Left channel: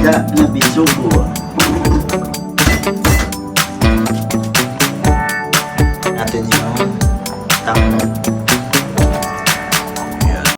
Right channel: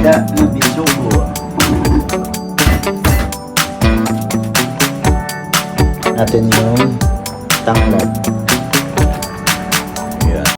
isda na bisugo. Natin yung tanglad. Ayan.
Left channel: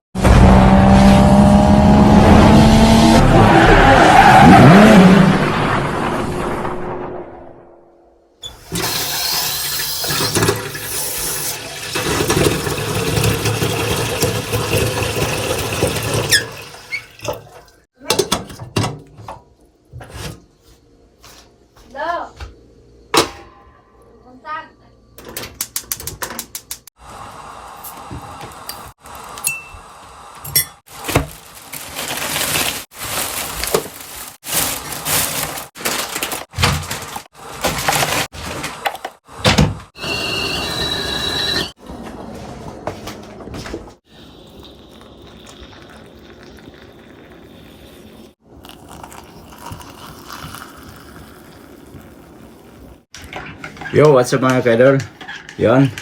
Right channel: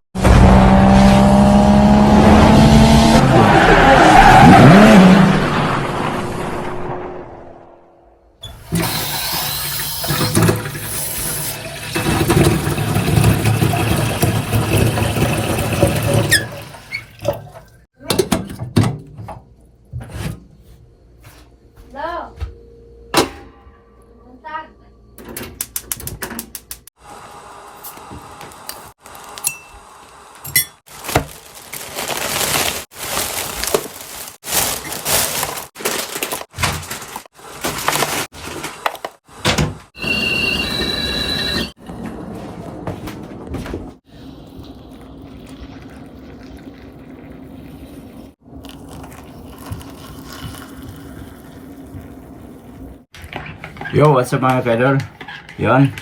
Yo, what's up mga kaidol? Yan,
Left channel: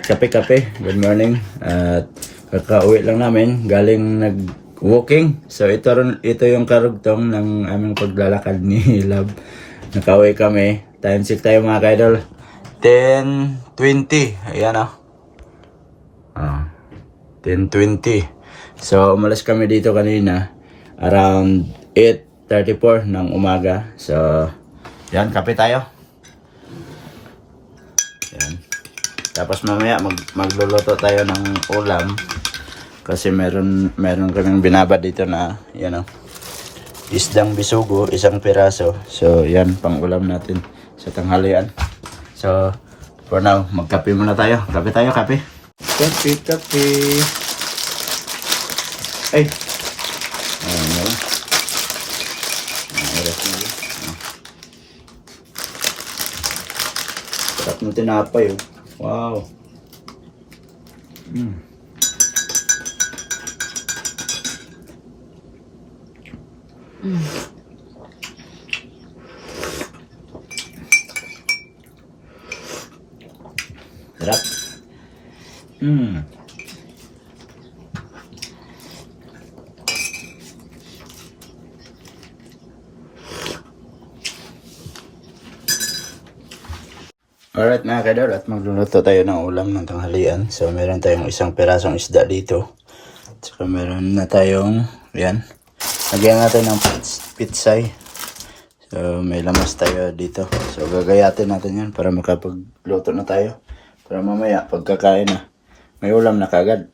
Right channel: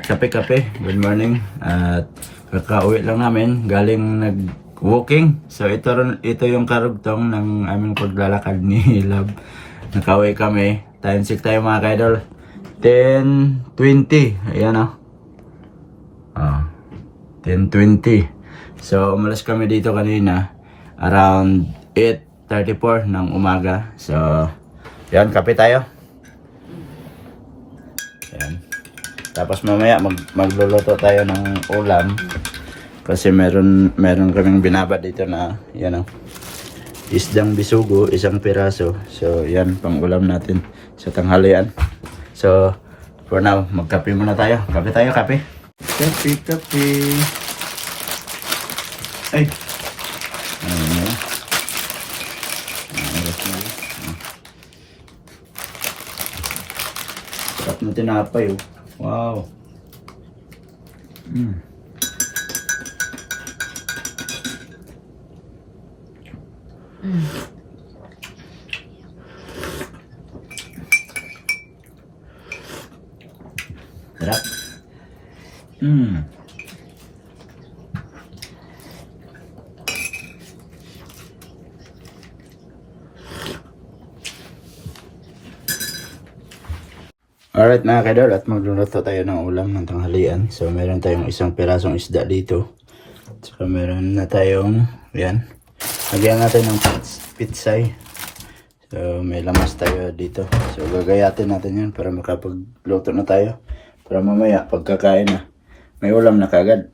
kape-kape, good morning. At kakauwi lang namin, galing nag-walking. So ito yung karugtong ng aming paglalakad ni Love. Nakauwi kami, time check tayo mga kaidol. 10:20, ayan o. 10:20. So umalas kami dito kanina, around 8:34 ng umaga. So yan, kape tayo. Yan. Tapos mamaya magluluto tayo ng ulam kasi meron kaming binabad dito na yan o, isdang bisugo, isang piraso. So yan, pang ulam natin sa tanghalian. So for now, magkape muna tayo. Kape tayo, kape. Kape. Ay, ano na lang. Oras na lang. Sarap ng tinapay oh. Wow. Sarap. Alright mga kaidol, at magluluto tayo ng ulam ng tanghalian. So meron tayong isang pirasong isda dito. So meron na tayong, yan, lagyan natin ng pitsay. So may lamas tayo dito. So gagayatin natin yan para makapagluto na tayo. Para mamaya pagkakain na, may ulam na kagad.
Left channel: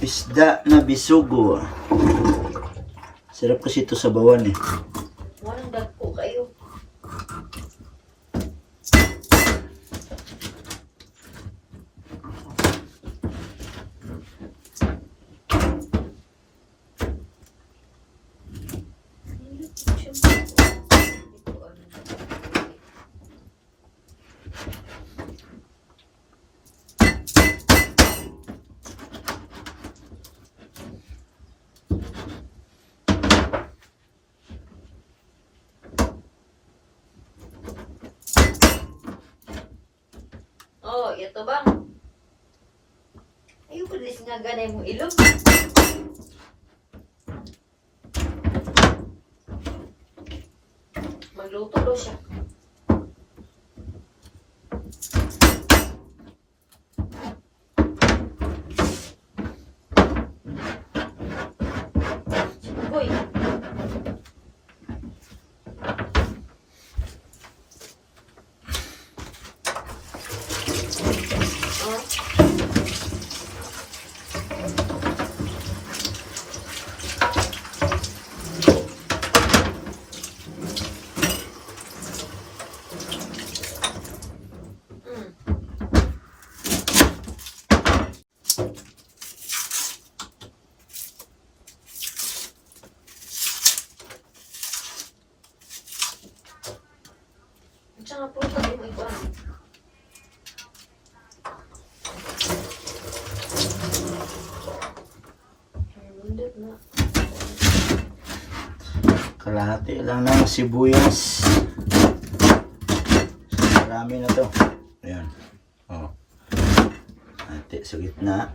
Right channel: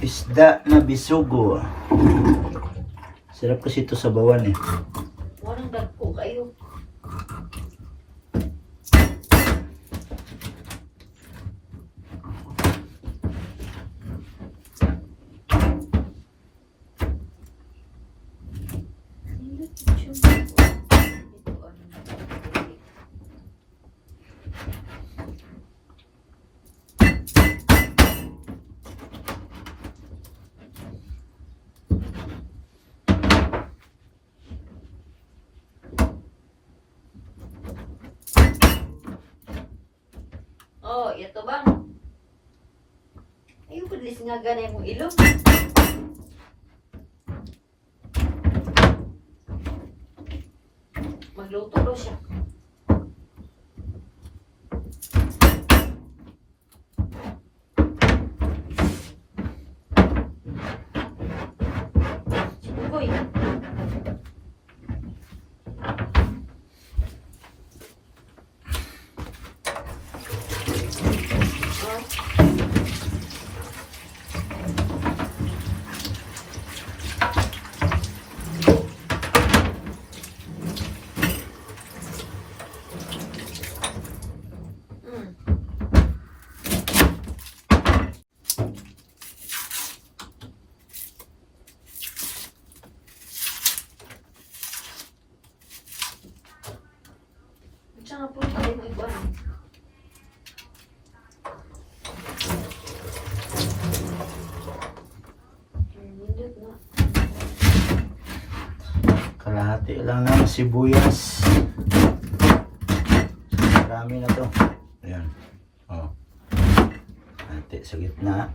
Isda na bisugo. Sarap kasi ito sa bawan eh. Walang dagpo kayo. Oh, ito bang? Ayaw ko lis nga ganay mo ilong. Magluto daw siya. Sibugoy. hati lang ng sibuyas. So, marami na to. Ayan. Oh. Hati sa gitna.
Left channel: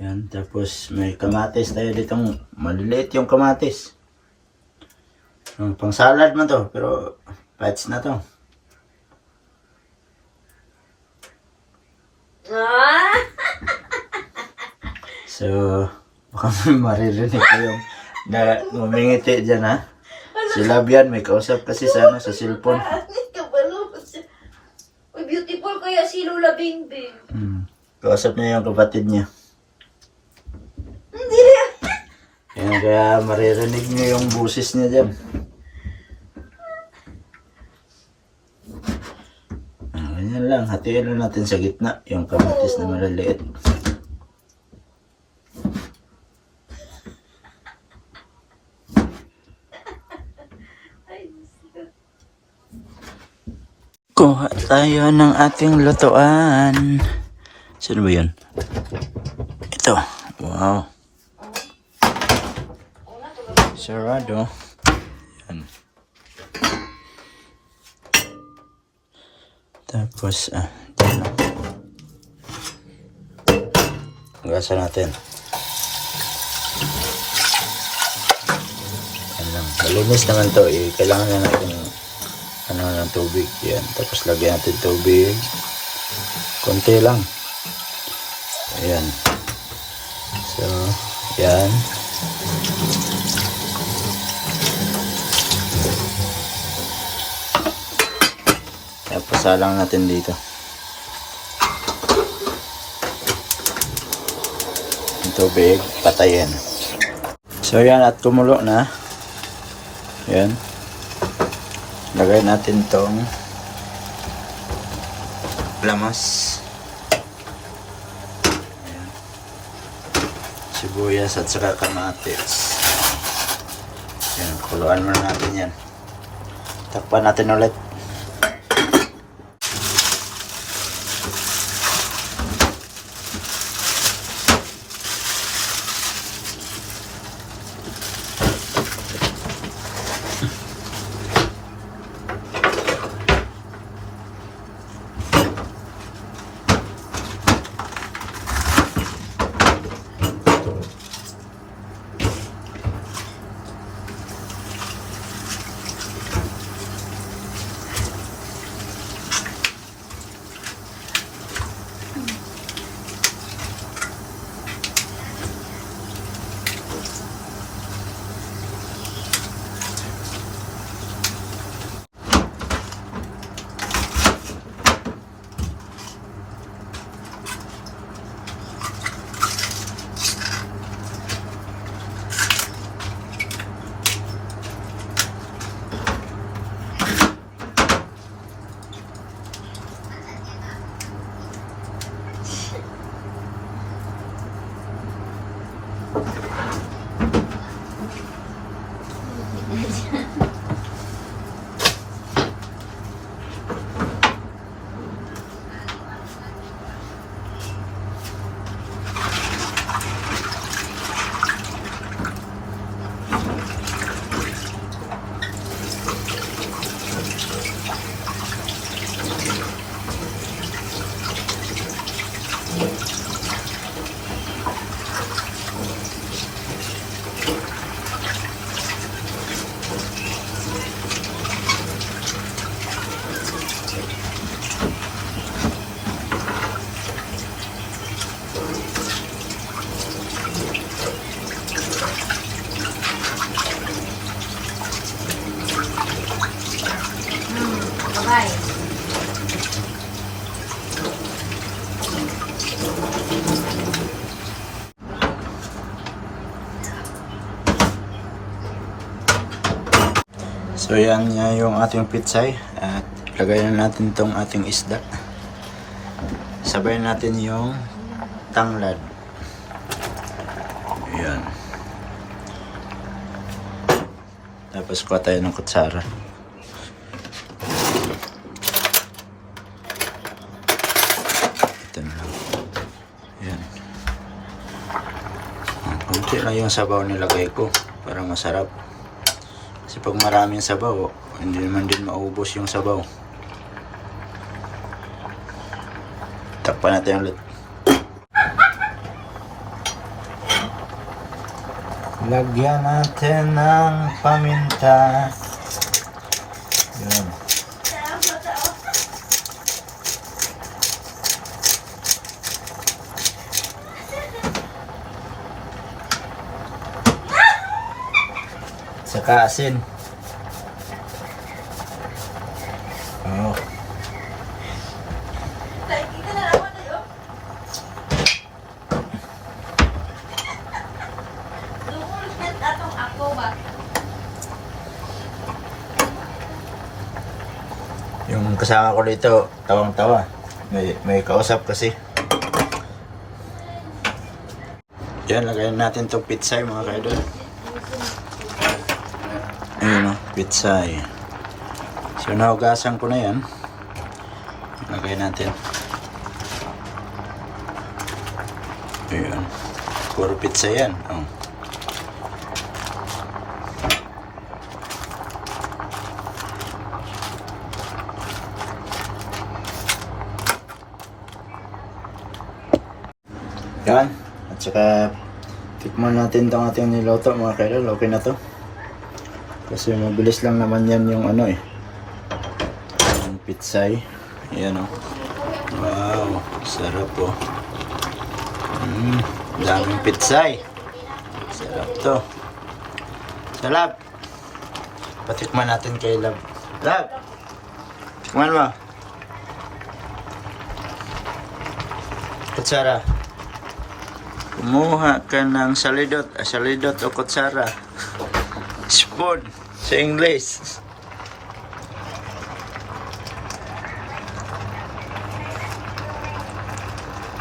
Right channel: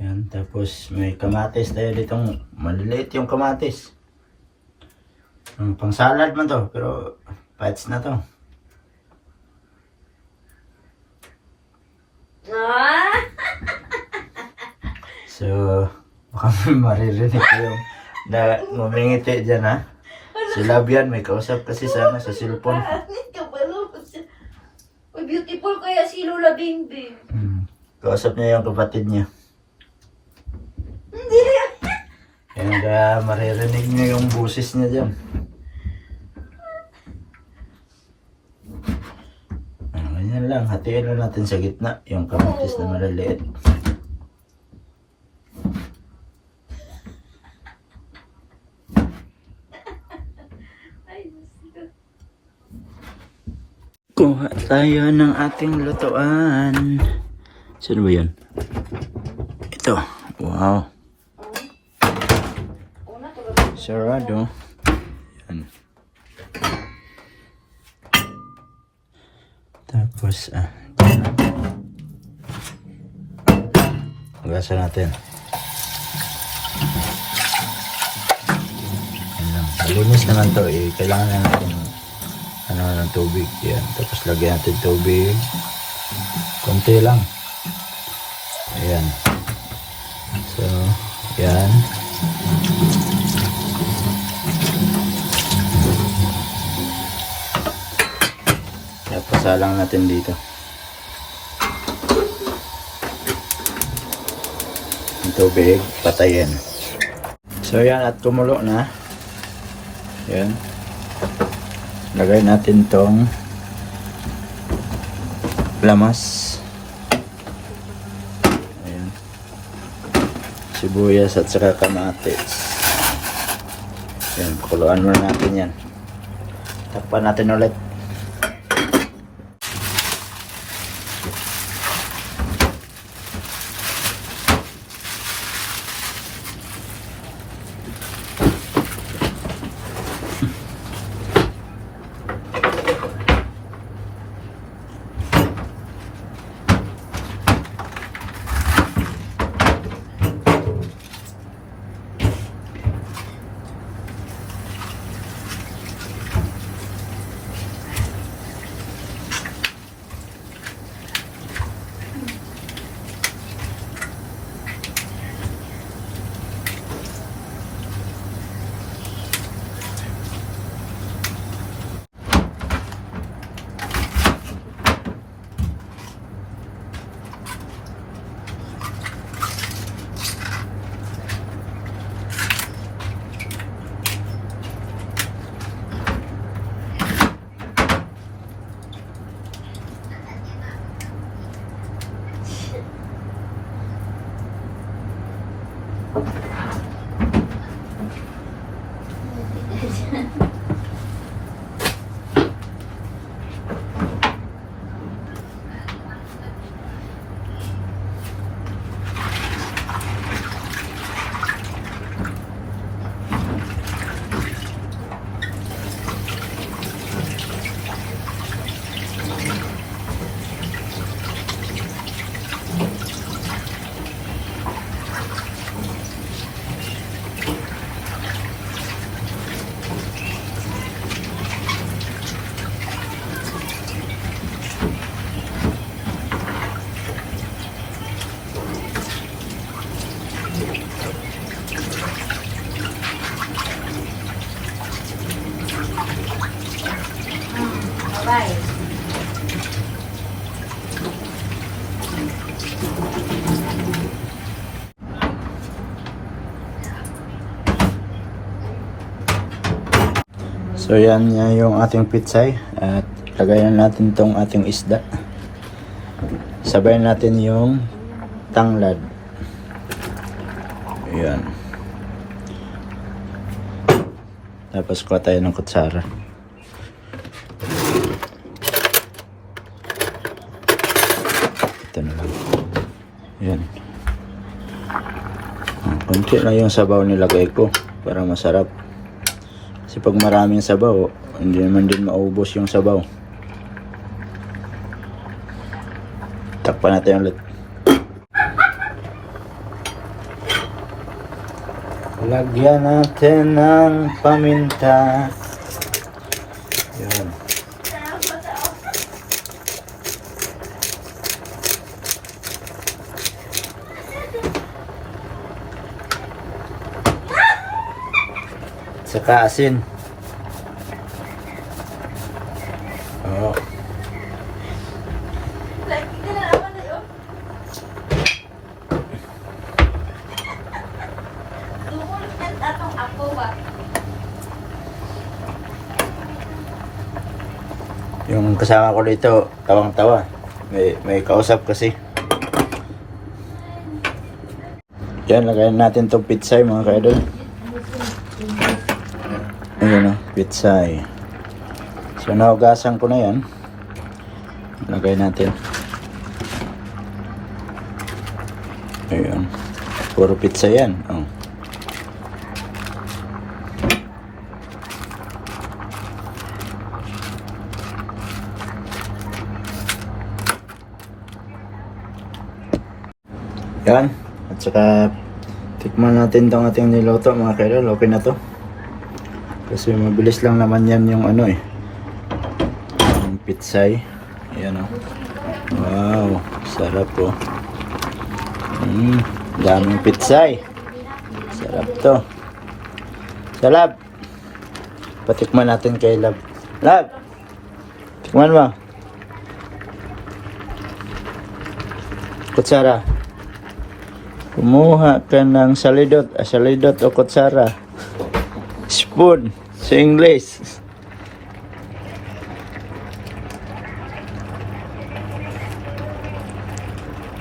Ayan. Tapos may kamatis tayo ditong maliliit yung kamatis. Pang salad man to. Pero bites na to. Ah! So, baka may maririnig ko yung na ngumingiti dyan ha. Si Labian may kausap kasi sa cellphone. Kabalo. Uy, beautiful kaya si Lola Bingbing. Kausap niya yung kapatid niya. Hindi rin. Yan kaya maririnig niyo yung busis niya dyan. Ganyan lang, hatiin lang natin sa gitna yung kamatis na maliliit. Kuha tayo ng ating lutuan. Sino ba yun? Ito. Wow. Sarado. Yan. Tapos, dyan. Gasa natin. Yan lang. Malinis naman to. Kailangan na natin ng tubig. Yan. Tapos lagyan natin tubig. Konti lang. Ayan. So, yan. Tapos salang natin dito. Yung tubig, patayin. So yan, at kumulo na. Yan. Lagay natin tong lamas. Ayan. Sibuyas at saka kamatis. Yan, kuluan muna natin yan. Takpan natin ulit. Bye. So yan yung ating pitsay at lagay na natin tong ating isda. Sabayan natin yung tanglad. Ayan. Tapos kuha tayo ng kutsara. Ito na lang. Ayan. Konti lang yung sabaw nilagay ko para masarap. Kasi pag maraming sabaw, hindi naman din maubos yung sabaw. Takpan natin ulit. Lagyan natin ng paminta. Yun. Saka asin. Oh. Yung kasama ko dito, tawang-tawa. May kausap kasi. Yan, lagayan natin itong pitsay mga kaidol. Ayun o, pitsay. So, nahugasan ko na yan. Lagay natin. Ayun. Puro pizza yan. Oh. Yan. At saka tikman natin itong ating niloto mga kaidol. Okay na to. Kasi mabilis lang naman yan yung ano eh. Yung pitsay. Yan o. Wow. Sarap po. Daming pitsay. Sarap to. Salab. Patikman natin kay Lab. Lab. Tikman mo. Kutsara. Kumuha ka ng salidot. Salidot o kutsara. Spoon. Sa English.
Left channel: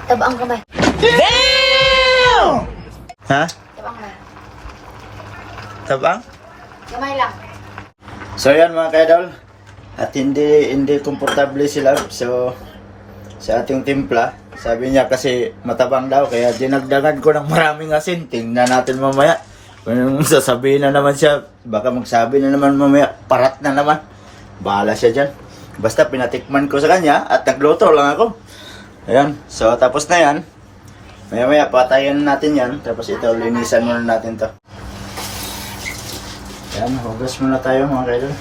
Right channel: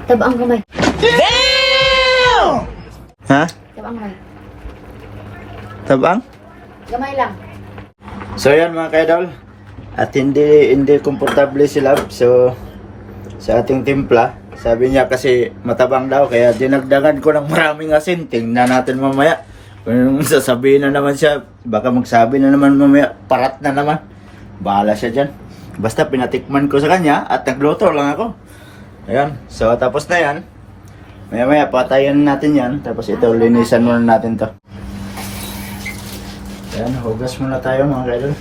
Tabang kamay. Ha? Tabang kamay. Tabang? Gamay lang. So yan mga kaidol. At hindi komportable si Lab. So sa ating timpla, sabi niya kasi matabang daw kaya dinagdagan ko ng maraming asin. Tingnan natin mamaya. Kung sasabihin na naman siya, baka magsabi na naman mamaya, parat na naman. Bahala siya dyan. Basta pinatikman ko sa kanya at nagluto lang ako. Ayan. So tapos na yan. Maya patayin natin yan. Tapos ito linisan muna natin to. Ayan. Hugas muna tayo mga kaidol.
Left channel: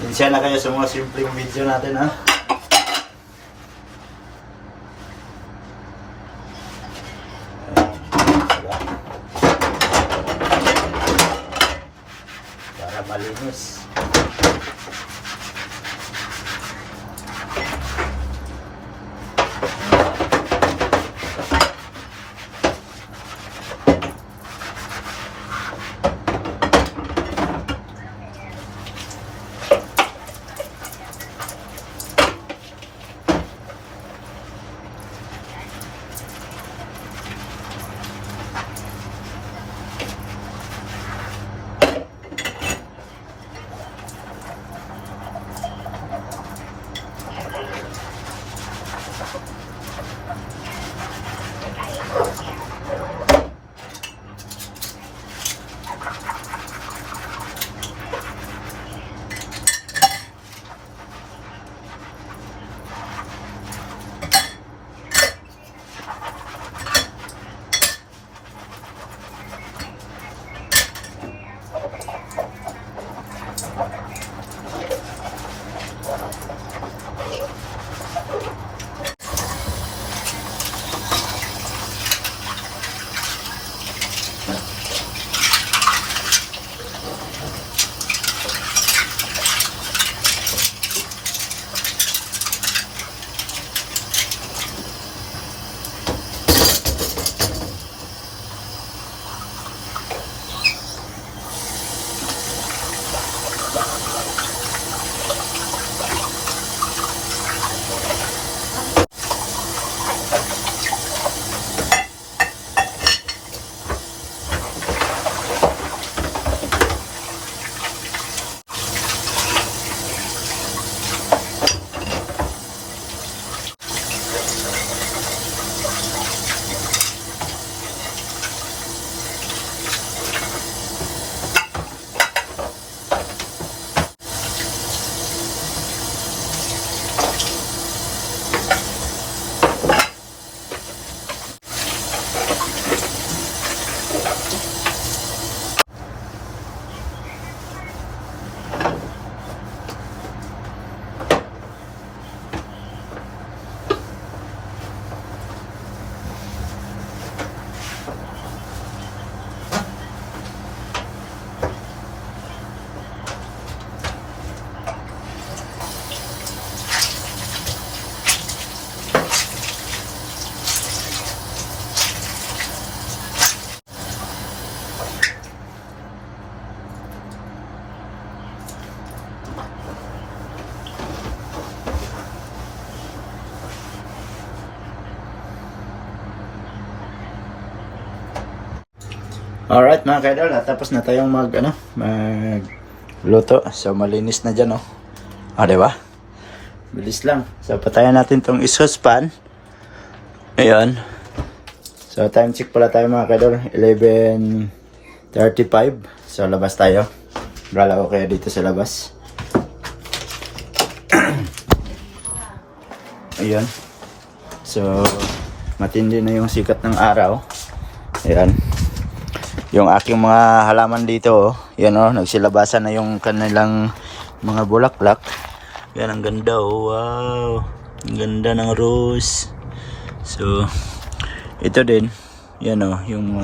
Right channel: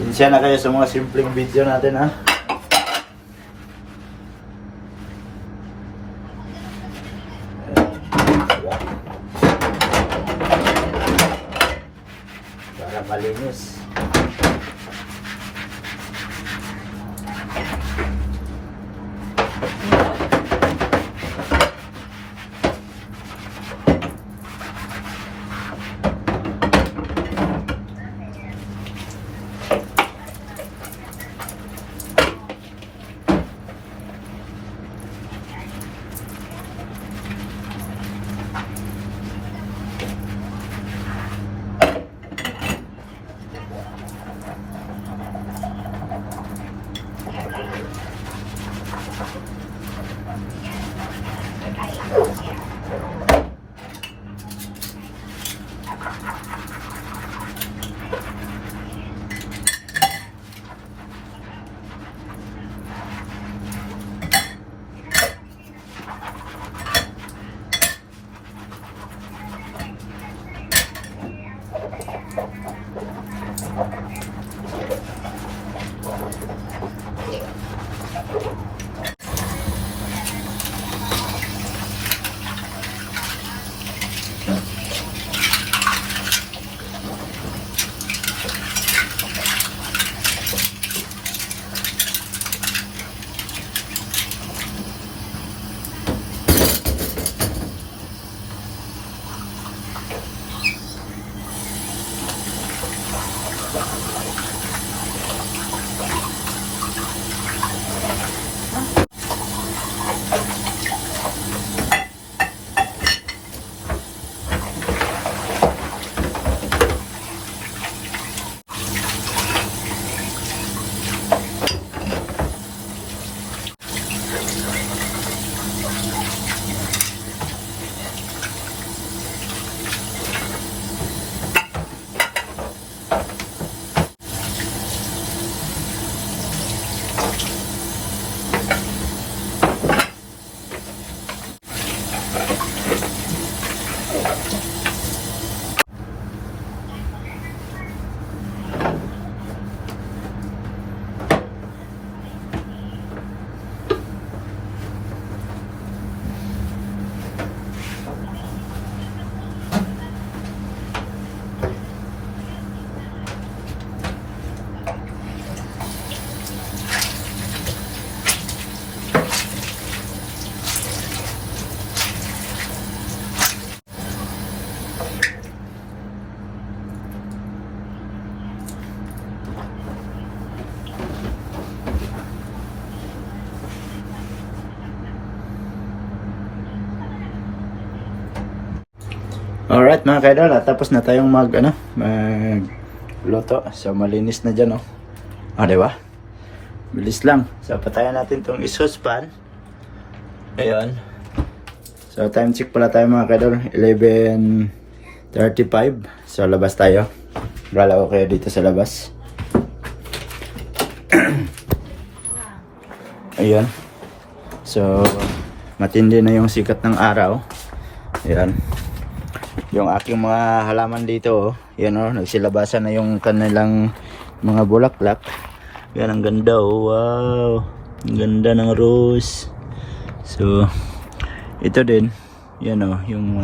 Sinsya na kayo sa mga simpleng video natin ha. Para malinis. Alright mga kaidol, tapos na tayong magluto. So malinis na dyan, oh. Diba? Bilis lang. So patayan natin tong isuspan. Ayan. So time check pala tayo mga kaidol, 11:35. So labas tayo. Gala ko kayo dito sa labas. Ayan. So matindi na yung sikat ng araw. Ayan. Yung aking mga halaman dito, oh, yan, oh, nagsilabasan na yung kanilang mga bulaklak. Yan, ang ganda, oh, wow. Ang ganda ng rose. So, ito din, yan, oh, yung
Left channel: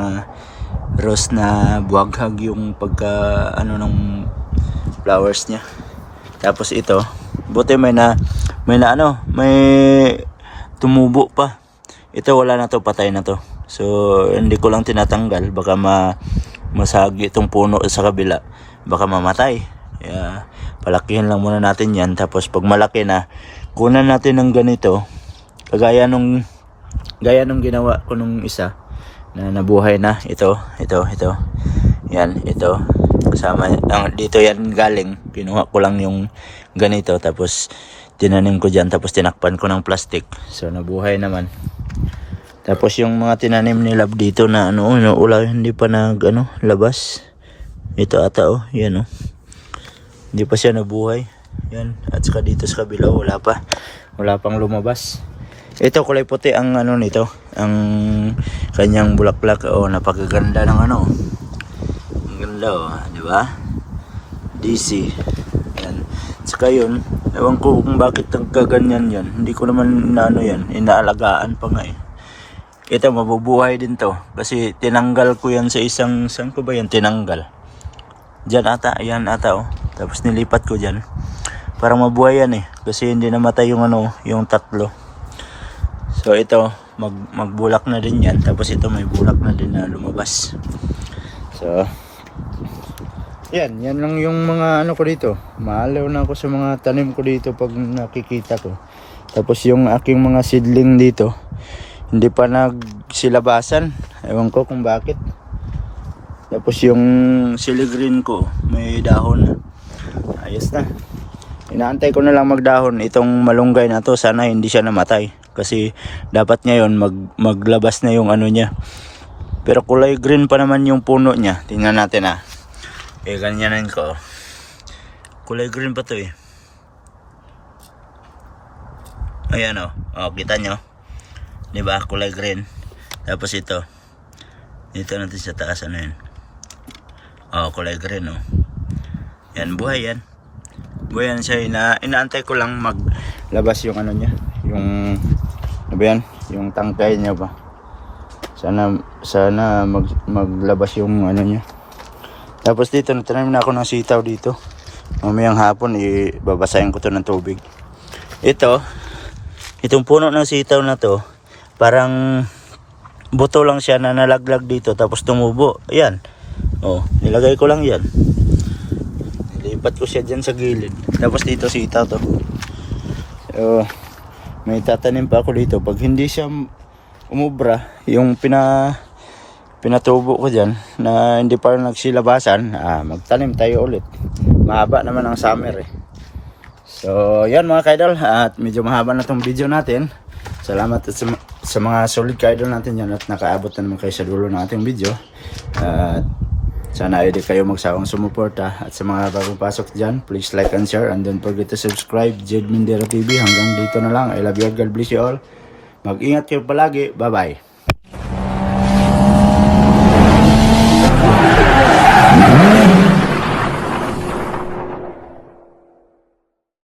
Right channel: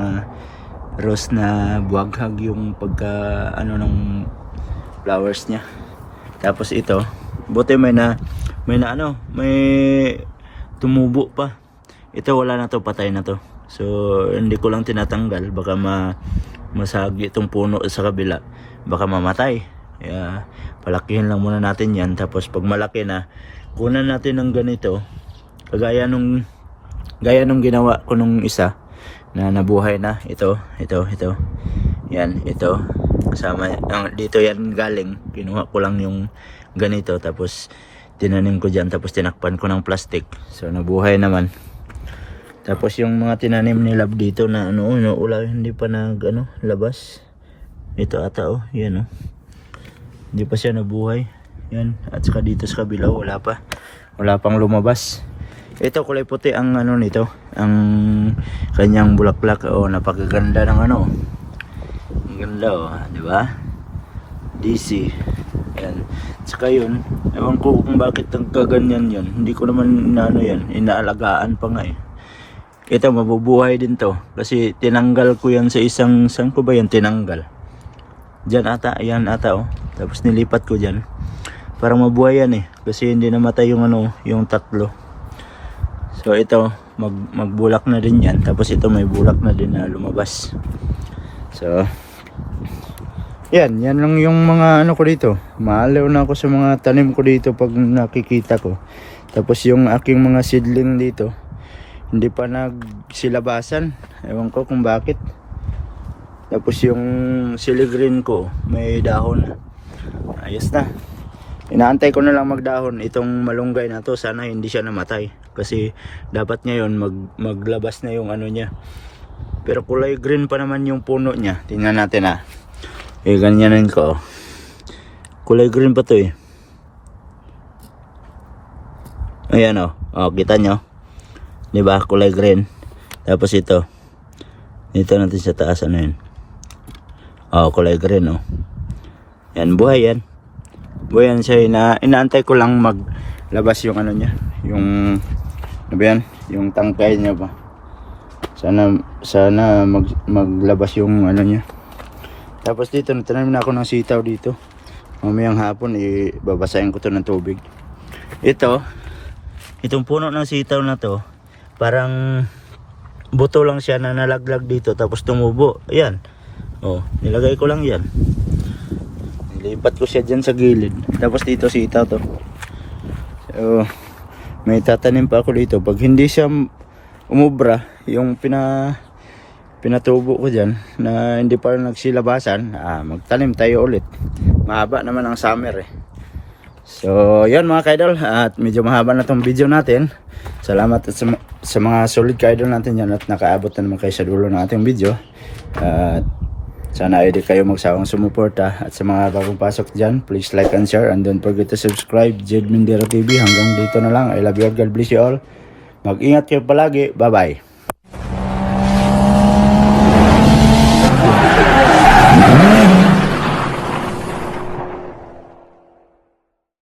rose na buwaghag yung pagka, ng flowers niya. Tapos ito, buti may tumubo pa. Ito, wala na to, patay na to. So, hindi ko lang tinatanggal. Baka masagi itong puno sa kabila. Baka mamatay. Kaya, palakihin lang muna natin yan. Tapos, pag malaki na, kunan natin ng ganito. Gaya nung ginawa ko nung isa na nabuhay na. Ito. Yan, ito. Kasama, dito yan galing. Kinuha ko lang yung ganito. Tapos, tinanim ko dyan. Tapos, tinakpan ko ng plastic. So, nabuhay naman. Tapos yung mga tinanim ni Love dito na hindi pa labas. Ito ata, oh, yan, oh. Hindi pa siya nabuhay. Yan, at saka dito sa kabila, wala pang lumabas. Ito kulay puti ang nito, ang kanyang bulaklak, oh, napakaganda ng ang ganda, oh, di ba? DC. Yan. At saka yun, ewan ko kung bakit nagkaganyan yan. Hindi ko naman yan, inaalagaan pa nga, eh. Ito, mabubuhay din to. Kasi tinanggal ko yan sa saan ko ba yan tinanggal? Diyan ata, ayan ata, oh. Tapos nilipat ko dyan. Para mabuhay yan, eh. Kasi hindi namatay yung yung tatlo. So ito, magbulak na din yan. Tapos ito may bulak na din na lumabas. So, yan lang yung mga ko dito. Maalaw na ako sa mga tanim ko dito pag nakikita ko. Tapos yung aking mga seedling dito, hindi pa nagsilabasan. Ewan ko kung bakit. Tapos yung siligreen ko, may dahon na. Ayos na. Inaantay ko na lang magdahon. Itong malunggay na to, sana hindi siya namatay. Kasi dapat ngayon maglabas na yung niya. Pero kulay green pa naman yung puno niya. Tingnan natin, ah. Ganyanin ko. Kulay green pa to, eh. Ayan, oh. Oh, kita nyo. Diba? Kulay green. Tapos ito. Ito natin sa taas. Yun? Oh, kulay green, oh. Yan, buhay yan. Buhay yan siya. Inaantay ko lang maglabas yung niya. Yung, yan? Yung tangkay niya ba? Sana maglabas yung niya. Tapos dito, natanim na ako ng sitaw dito. Mamayang hapon, babasahin ko to ng tubig. Itong puno ng sitaw na to, parang buto lang siya na nalaglag dito tapos tumubo. Ayan. Oh, nilagay ko lang yan. Nilipat ko siya dyan sa gilid. Tapos dito sitaw to. So, may tatanim pa ako dito. Pag hindi siya umubra, yung pinatubo ko dyan na hindi pa nagsilabasan, magtanim tayo ulit. Mahaba naman ang summer, eh. So, yan mga kaidol. At medyo mahaba na tong video natin. Salamat at sa mga solid ka-idol natin yan at nakaabot na naman kayo sa dulo ng ating video. At sana ay di kayo magsawang sumuporta. At sa mga bagong pasok dyan, please like and share. And don't forget to subscribe, Jed Mindero TV. Hanggang dito na lang. I love you all. God bless you all. Mag-ingat kayo palagi. Bye-bye.